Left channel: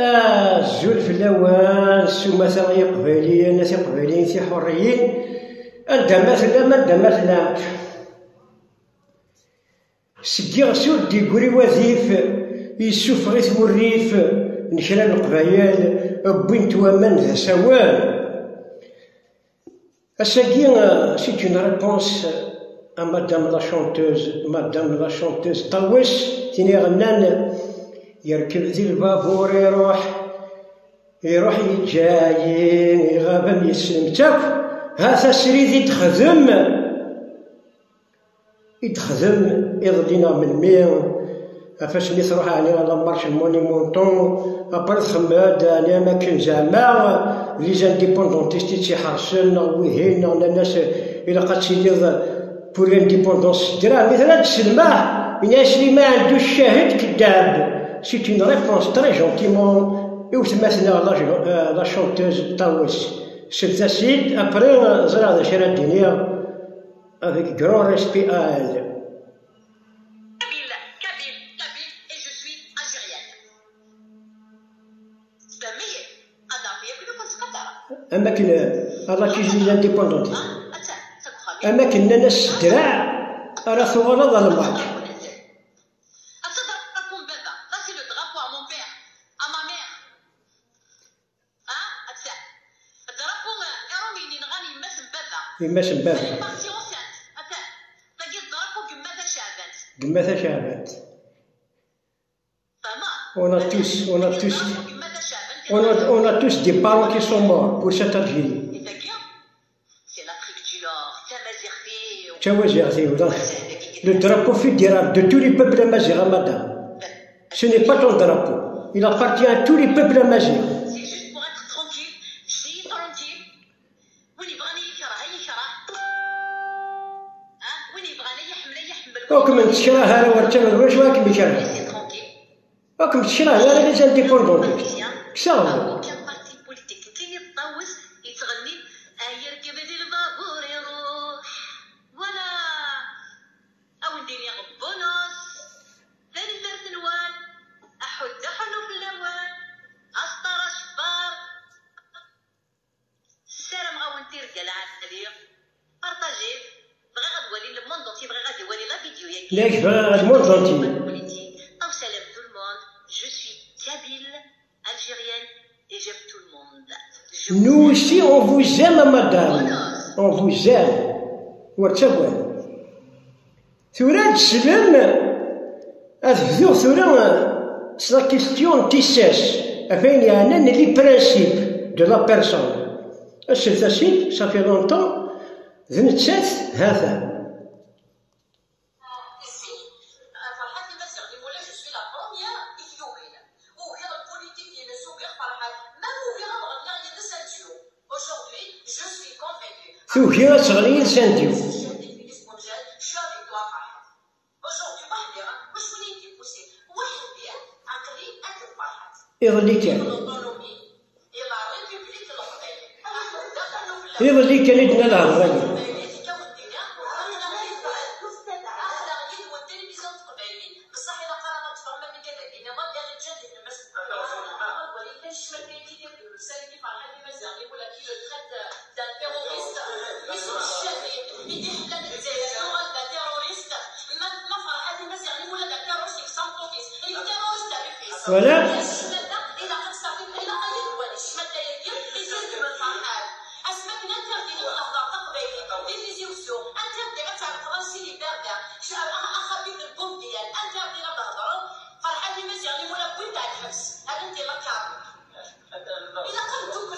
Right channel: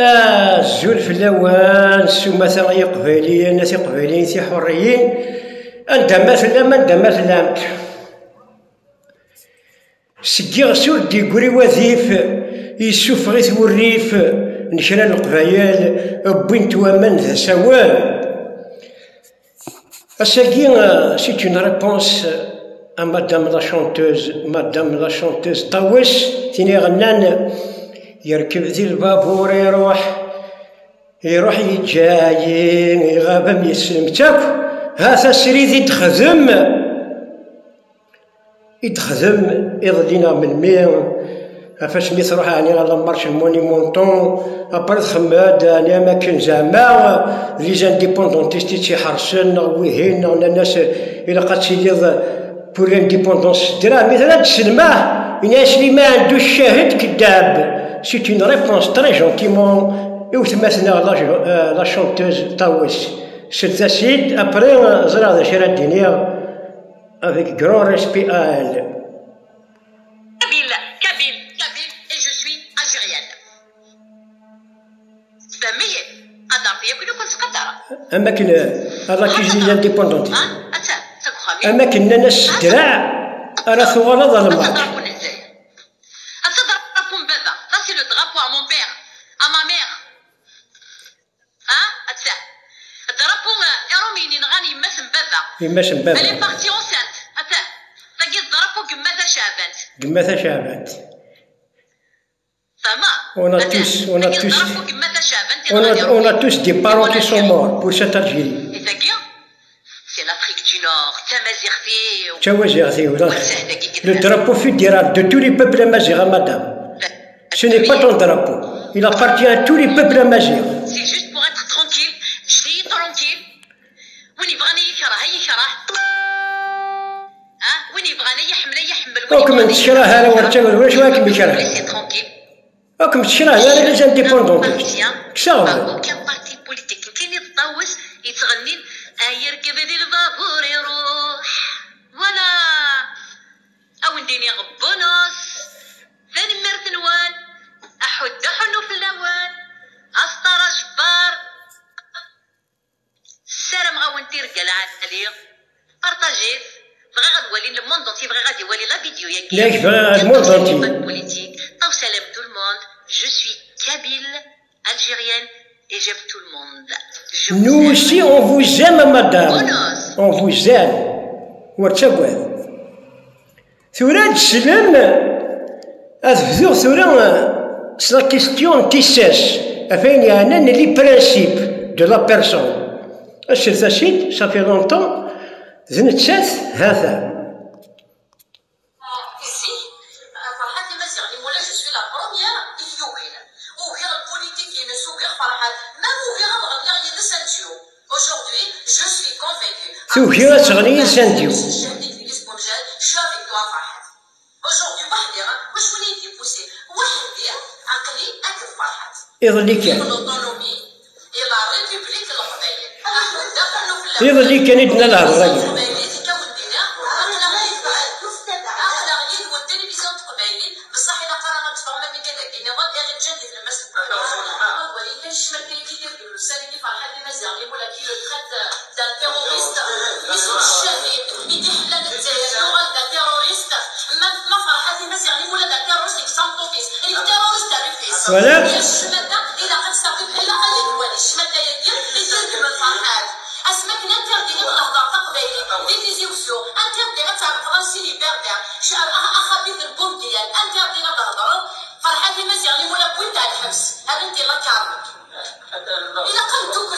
الزول في اللوان مثلا يقباليين ناس يقباليين سي حريين انت مثلا ما انت مثلا سكي غسول ديكوري وظيف يسوف غيث والريف نشرى القبايل بوين توامن ذا سوان الساكي سيت اون ريبونس à madame la chanteuse طاوس تيني غنان يركب ذي البابور يروح يجاي يغاب يسلم تاك هذا سريد يتخدم يضلينا من مير فاش ملي تروح يعني على مارش المونيمونطون ابار خماد يعني اماكن زعما لي زانديبوندونتيست تيحرسن ويهين الناس الا قد تيدير بور الانديبوندونس درا مثلا تسلماه الناس اللي ما عندوش شاهد كذاب. C'est une réponse très gentiment. Et où maintenant la chanteuse Taouis. C'est facile. Après, Zara de Chérardinier, avec grand respect à elle. Kabyle, et je suis algérienne. فهمية؟ هذا فيا كل كنت قدرة. أماكن هذا كيجي لانديبوندونتي. أماكن الناس درع راه ثوالة ظلمات. يماش مبابا. Elle est partie enceinte. Attends. تلقى الضرب قمتها شابت. فما. On a tous des parents qui sont morts pour cette Algérie. C'est l'Afrique du Nord. Tamazighti. Le drapeau fédéral de tous les peuples amazigh, madame. Ce n'est pas ton drapeau. Il appartient à tous les peuples amazigh. C'est juste pour être tranquille. Je suis tranquille. وكم تشراه هذا ورتمر واش واكم بشراه وكم تشراه هذا لي زانديبوندون كشاو كان بارتي بوليتيك كاين يتطوس يتغني يركب ذي البابور يروح ولا او نديني غبونوس ثاني مرتنوان احد حنو في اللوان اسطر جبار السلام غاونتي رجال عليا بارطاجيت بغا غنولي لو موند اونتي بغا غادي يولي لا فيديو ياك الموند اونتي بوليتيك او سلام تو الموند جو سوي kabyle algérienne et j'aime tout le monde. Nous aussi on vous aime madame. On vous aime. ورتبوه ثورة تسلم أذكر ثورة c'est la question tissesse afin يعني les principes de la personne. الشيء ثاشيت ça fait longtemps زنتشات هذا. ثوكي تغني سانتيو. يظلي كان يدنا له الراجل.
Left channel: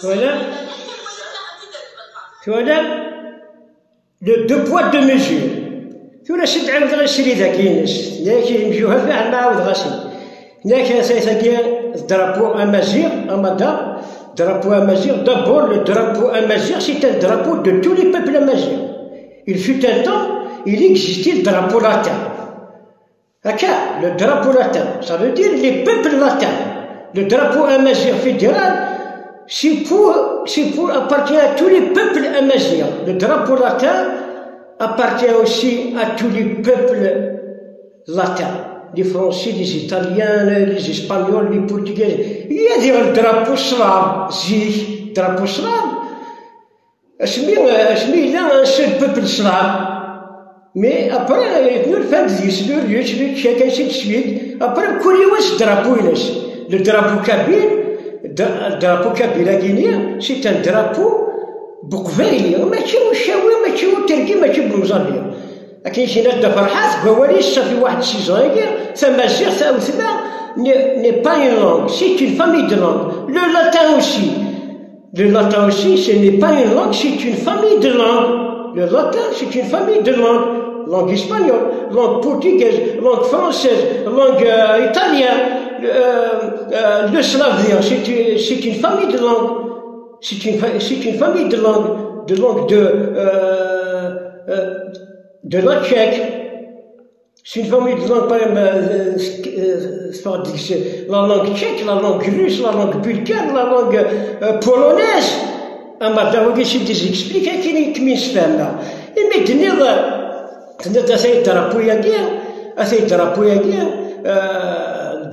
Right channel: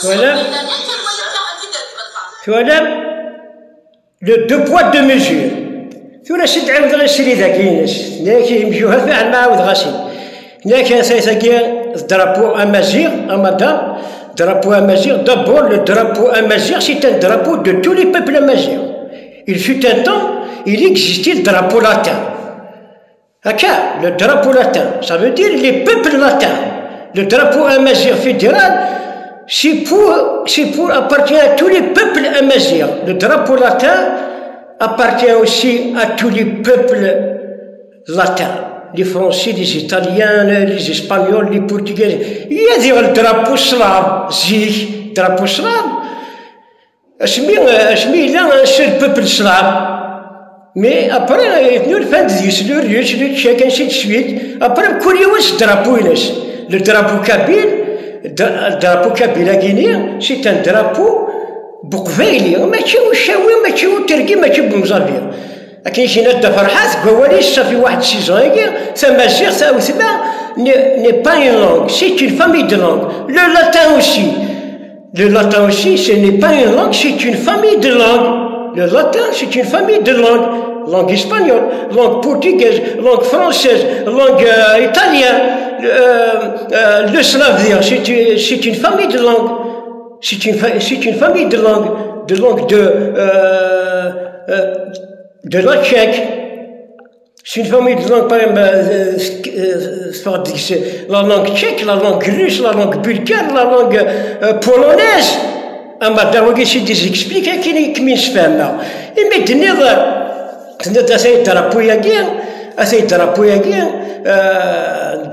Voilà. Voilà le deux poids deux mesures. ثورة شد عاود غاسيلي ذاك الناس لكن يمشيوها فعلا ما عاود غاسي لكن سيساكي الدرابو امازيغ امادام درابو امازيغ d'abord le drapeau amazigh c'est un drapeau de tous les peuples amazighs. Il fut un temps il existait le drapeau latin. Haka, le drapeau latin ça veut dire les peuples latins. Le drapeau amazigh fédéral c'est pour appartient à tous les peuples amazighs. Le drapeau latin appartient aussi à tous les peuples latins. les Français, les Italiens, les Espagnols, les Portugais. Il y a des drapeaux slaves, zig, drapeaux slaves. Il y a un seul peuple slave. Mais après, il y a le Fandis, le Russe, le Tchèque, ainsi de suite. Après, le drapeau kabyle, le drapeau kabyle guinéen, c'est un drapeau بقبايلي ماشي وشاوي ماشي وتركي ماشي بمزالية لكن شي ناس فرحات كواليس صافي واحد سيزون ثم شيخ أو ثم n'est pas une langue, c'est une famille de langues. Le latin aussi, ce n'est pas une langue, c'est une famille de langues. Le latin, c'est une famille de langues. Langue espagnole, langue portugaise, langue française, langue italienne, le slavien, c'est une famille de langues. C'est une famille de langues de la tchèque. C'est une famille de langues, par exemple, la langue tchèque, la langue russe, la langue bulgare, la langue polonaise. Madame, c'est des explications qui m'y se font là. Et maintenant, c'est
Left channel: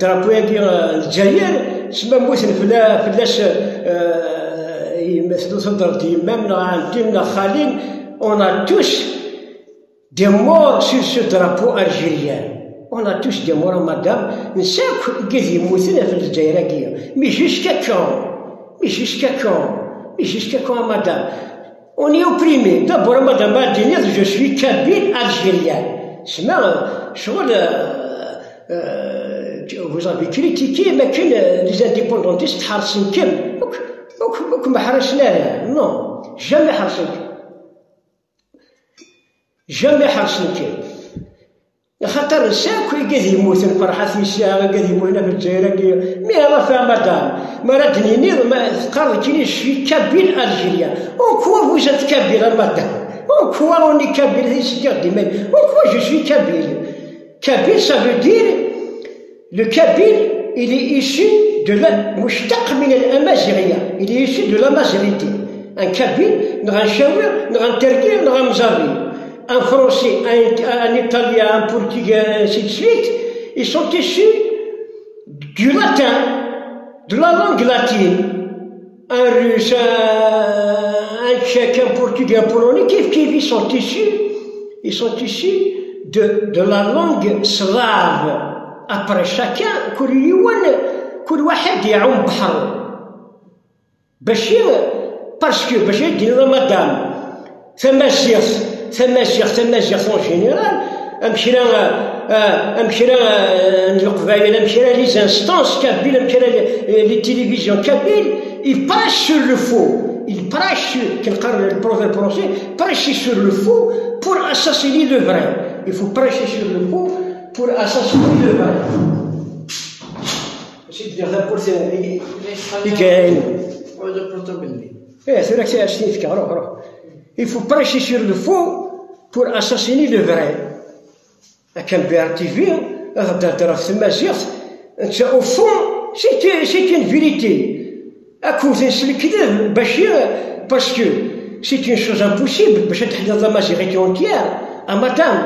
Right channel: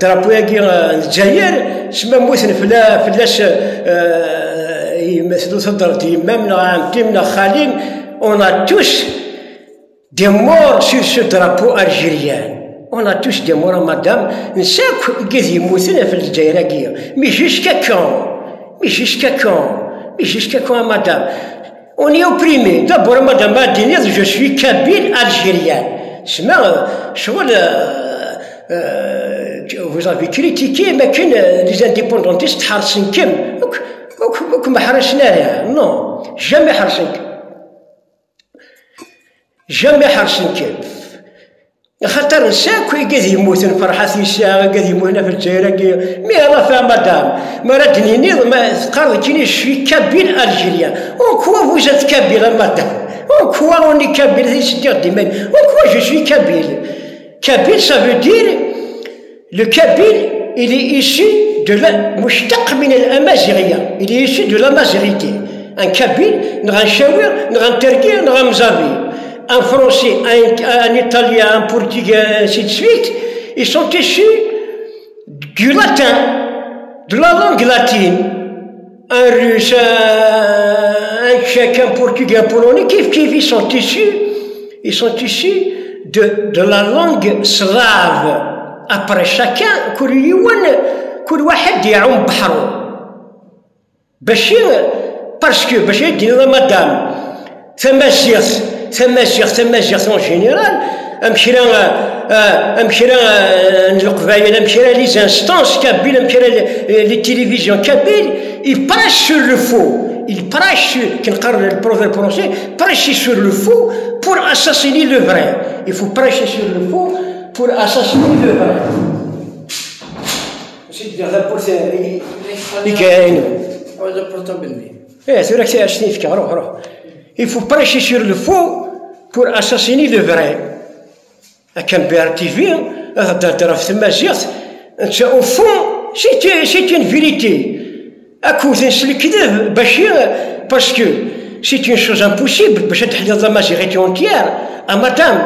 الجزائر سما موسن فلاش يمثلوا صدرتي يمامنا عمتيمنا خالين on a tous des morts sur ce drapeau algérien. On a tous des morts, madame. نساك كذي يموتنا في الجزائر كيا. Mais jusqu'à quand, madame? On est opprimé. D'abord, madame Martinez, je suis kabyle algérien. Vous avez critiqué, mais que les indépendantistes حرصن كم. وكم حرصنا non, jamais حرصن كم. خاطر نساكو قاعد يموتن فرحات نساء قاعد يموتن في الجزائر مي الله فيها مدام مراتني نيض ما قال كيني شوي كابيل الجيريان وكوا vous êtes kabyle madame وكوا on est kabyle c'est dire des mêmes وكوا je suis kabyle ça veut dire le kabyle il est issu de la مشتق من الامازيغيه il est issu de l'amazigité un kabyle نغا نشاور نغا نتركي نغا مزابي un français, un italien, un portugais, ainsi de suite, ils sont issus du latin, de la langue latine. Un russe, un tchèque, un portugais, un polonais, ils sont issus de la langue slave. Après chacun, كل واحد يعوم بحره. parce que باش يدير مدام ثم en général, les instances kabyles, les télévisions kabyles, ils prêchent sur le faux. Ils prêchent le prophète français, prêchent sur le faux pour assassiner le vrai. Il faut prêcher sur le faux pour assassiner le vrai. Il faut prêcher sur le faux pour assassiner le vrai. Au fond, c'est une vérité. Parce que c'est une chose impossible. La majorité entière, à madame.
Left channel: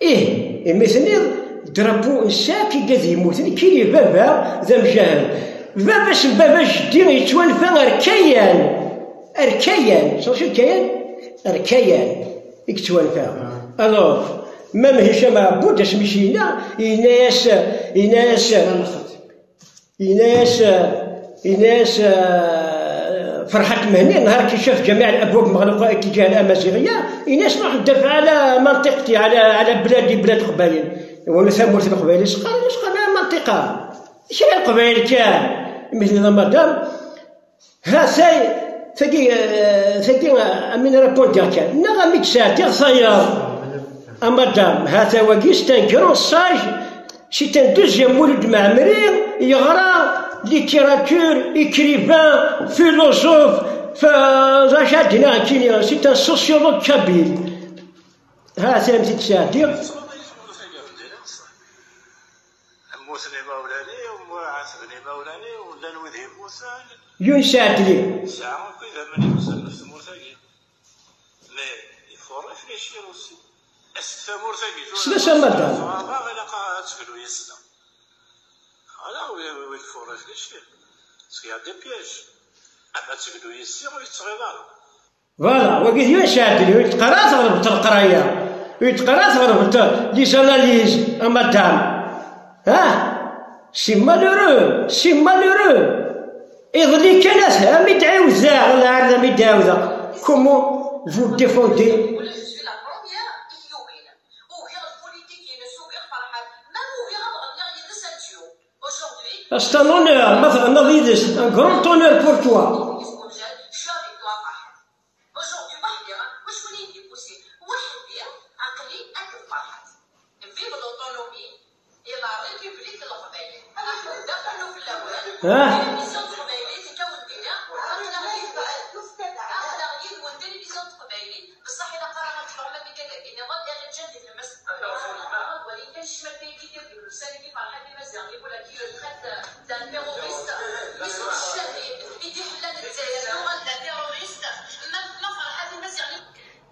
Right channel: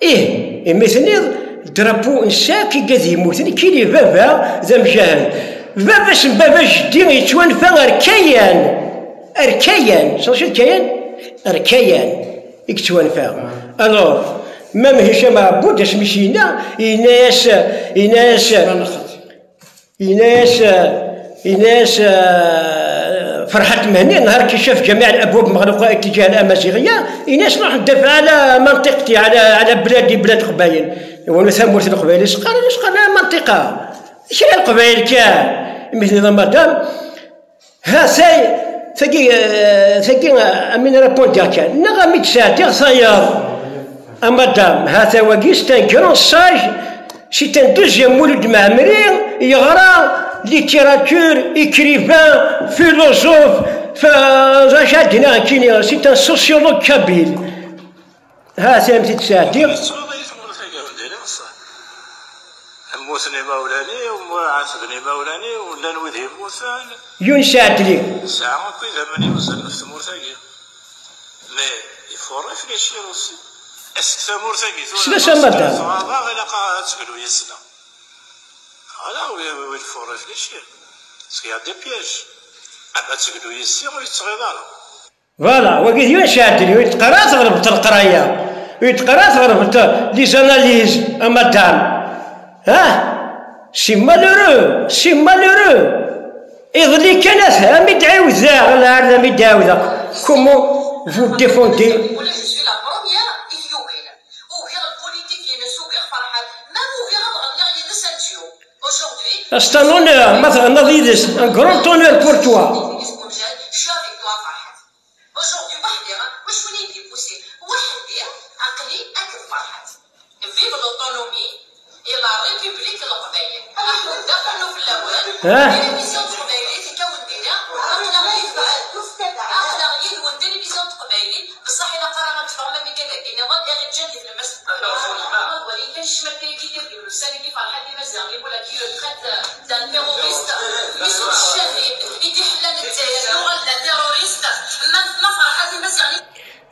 Et maintenant, le drapeau, qui est vava, zamjal. Vava, c'est vava, je dis, tu vas le faire Arkayan, صافي Arkayan, يكتوان فيها. Alors, même هشام عبود اش مشينا يناس فرحت مهني نهار كي شاف جميع الابواب مغلقه اتجاه الامازيغيه يناس راح ندافع على منطقتي على بلادي بلاد قبايل وانا ثمرت القبايل شقال منطقه شنو القبايل كاع مثل مدام ها ثقي من رابونتي هكا نغمي تساتير صياد madame هذا وقيس تنكرون ساج سي ان دوزيام مولود معمري يغرى ليتيراتور اكريفان فيلوزوف فجاتنا كينيا سي ان سوسيولوج كابيل هذا مثل تساتير موسني مولاني وعاتقني مولاني ولا نوذي موسان يونس عدلي ساعة كذا ماني وصل في مورتاكي مي يفور ريفليشير اوسي السامور ثاني سلاش مدام صغار إلا تقولوا يسنا هذا وين الفرج ليش سي دي بياج أما تقولوا يسي ويتصغير فوالا وقيت يشاهدني ويتقرا تغرب القرايه ويتقرا تغرب لي زاناليز مدام سي مالورو يظلي كان فهم يدعوزا ولا هذا ميدعوزا كومون فو ديفوندي C'est un honneur, مثلا نضيدس un grand honneur pour toi.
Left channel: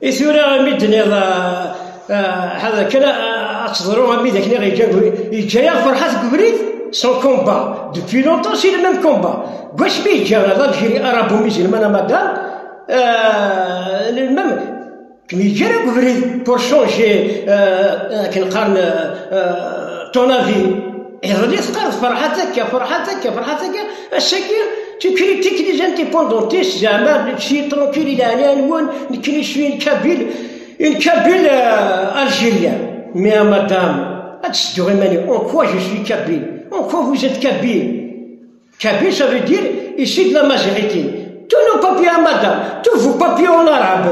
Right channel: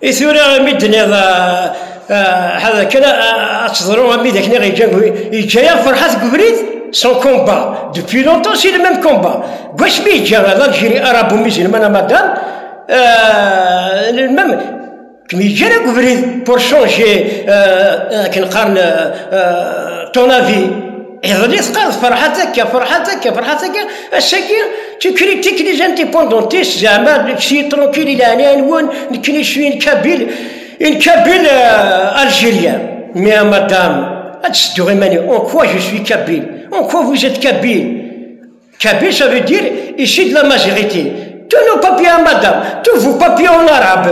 إثورا مدني هذا كنا أتصدروا ميدك نغي يجايا فرحات قبريت سون كومبا دوبي لونتون سي لو ميم كومبا واش بيجا الجيري ارابو مسلمان مدام المهم كمي جانا قبريت بور شونجي كنقال طون افي يظلي ثقال فرحتك الشاكي تكريتيك لي زانديبوندونتيست زعما شي ترونكيل الى هنا نون نكني شويه كابيل الجيريان مي مدام هتسدو غيماني اون كوا جو سوي كابيل اون كوا فوز ات كابيل ça veut dire ici de la majorité tous nos papiers madame tous vos papiers en arabe.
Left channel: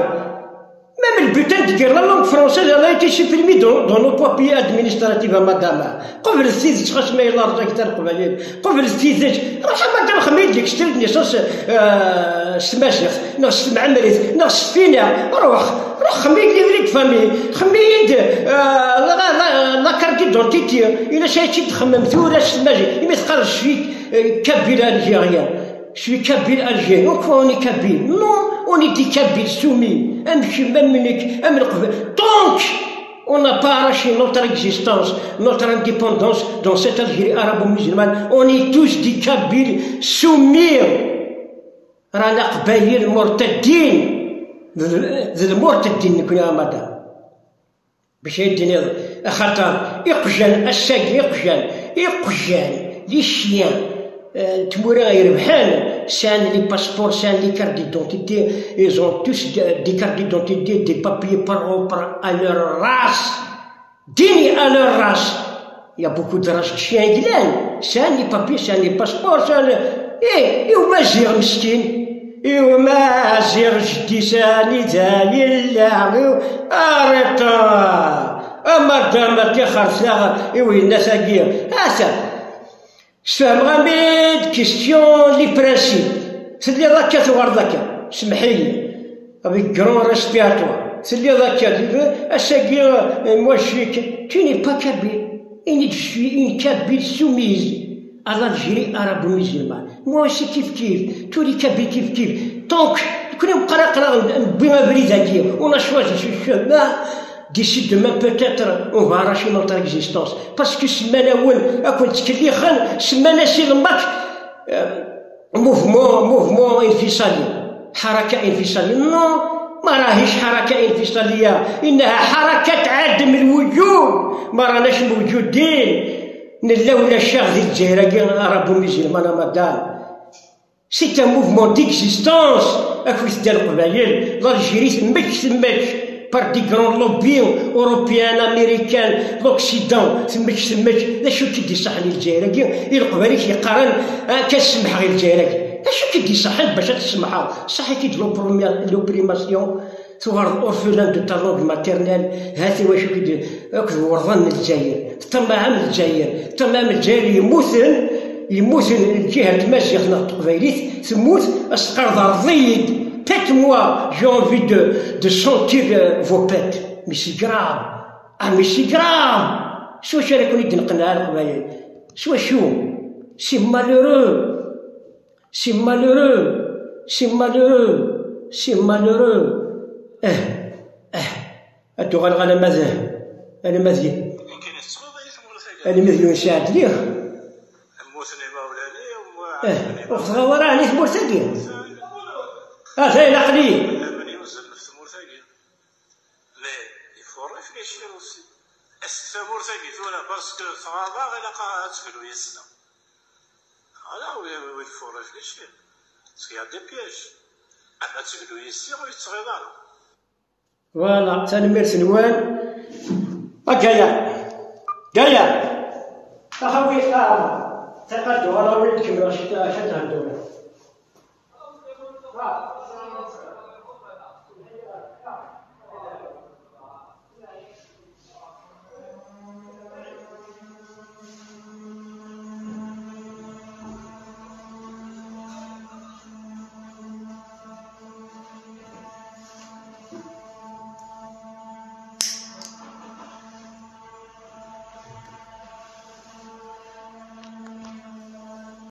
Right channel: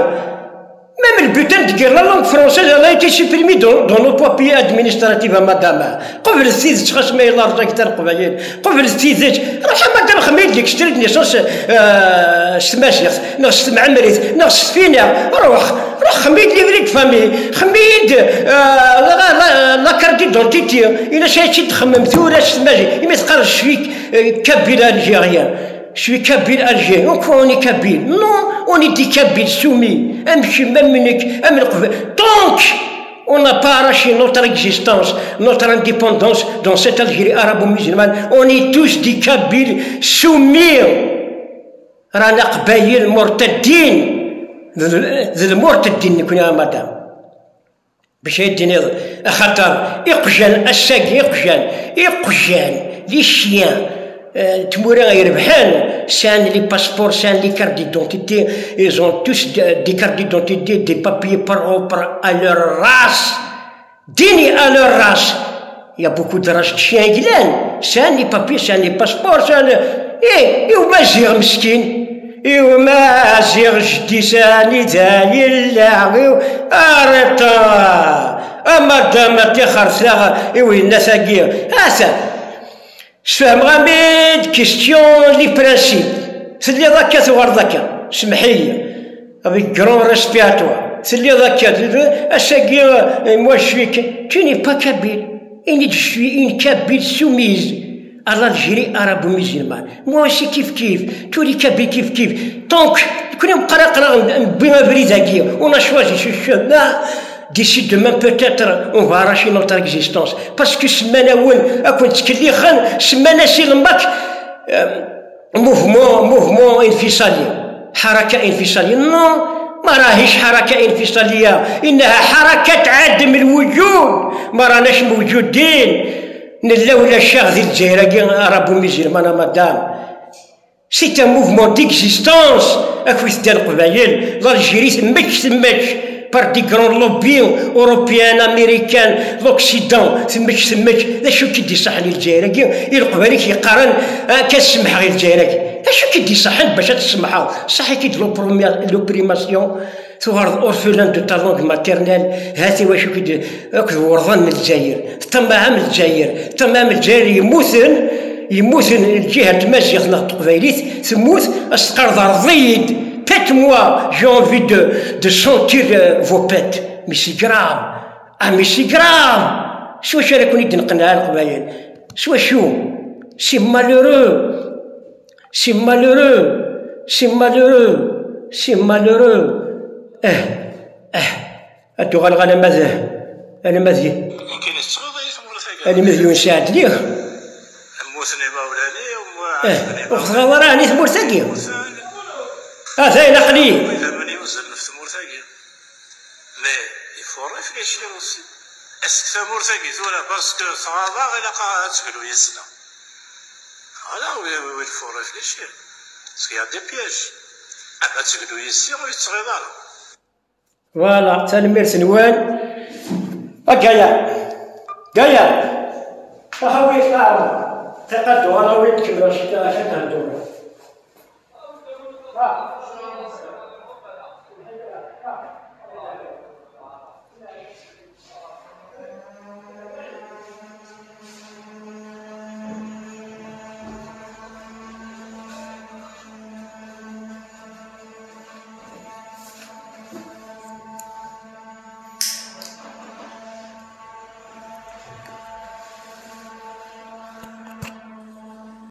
Même le butin de guerre, la langue française, elle a été supprimée dans nos papiers administratifs, madame. قبل السيد تخص ما يلا رجع كتر قبيل قبل السيد راح مدام خميد لك اشتريت نيسوس سماشيخ نغس معمريت نغس فينا روح خميد لي فريك فامي خميد لا كارت دونتيتي الا شي تخمم ثورة سماجي ما تقالش فيك كابيل الجيريان شوي كابيل الجيريان اوني كابيل نو اوني دي كابيل سومي امشي منك ام القبل دونك on n'a pas arraché notre existence, notre indépendance dans cette Algérie arabo-musulmane. On est tous des Kabyles soumis. رانا قبايل مرتدين ذي المرتدين نكون يا مدام باش يديني خاطر يقجان الساق يقجان لي شيان تمورا يربحان سان لي باسبور سان لي كارت ديدونتيتي ils ont tous des cartes d'identité des papiers propres à leur race dignes à leur race. Il y a beaucoup de races de chiens guilans سان لي بابي سان لي باسبور سان ومازيغ مسكين ومازيغ جدي ساني ذاني اللاغي ارتا اما دام تيخر ثاغ وين ساقير هاسا سفهم غاميد كيستيون لي برانسيب سلي ذاك ثوار ذاك سمحيلي افيك كرون ريسبيراتوار سلي ذاك الساقير موا شويك tu n'es pas kabyle et je suis une kabyle soumise à l'Algérie arabo-musulmane. Moi aussi kif, tous les Kabyles kif. Donc, on a choisi ce chemin. D'ici demain, peut-être, on va arracher notre existence. Parce que mouvement انفصالي. حركة انفصالية. Non, ما راهيش حركة انفصالية. إنها حركة عدم الوجود. ما راناش موجودين. نلولا الشاغ ذي الجزائر arabo-musulmane madame. C'est un mouvement d'existence. أكويس ديال القبايل l'Algérie ثماش par des grands lobbies européens, américains, l'Occident ثماش ذا شو كيدي صح للجزائر القبايل كيقارن كتسمح غير الجزائر شو كيدي صح باش تسمحها صح كيدير لوبريماسيون ثوار اورفلان دو تا لونغ ماتيرنيل هاتي واش كيدير ورضان من الجزائر تمام الجزائر يموثن الجهه تمازيغ ناخد قبايليت تموت اسقرض رضيد faites-moi j'ai envie de sentir vos pètes mais c'est grave mais c'est grave شو راكم يدنقنا القبايل شو c'est malheureux أنتو غالغ أنا مازي كاين التغيض أنا مازي ونشاهد ليه موسني مولاني وما وخصنا راني ثمور ثقيل ثاين قليل فهمني وزن في ثمور ثقيل مي يفور ريفليشير اوسي اسك ثمور ثقيل ولا باسكو صغار غير تقولوا يسنا هذا هو يفور ريفليشير سي دي بياج اما تقولوا يسير ويتغيض فوالا تنمير سنوان هكايا كايا أخوي كارم تقدم أنا وينك باش تهدوا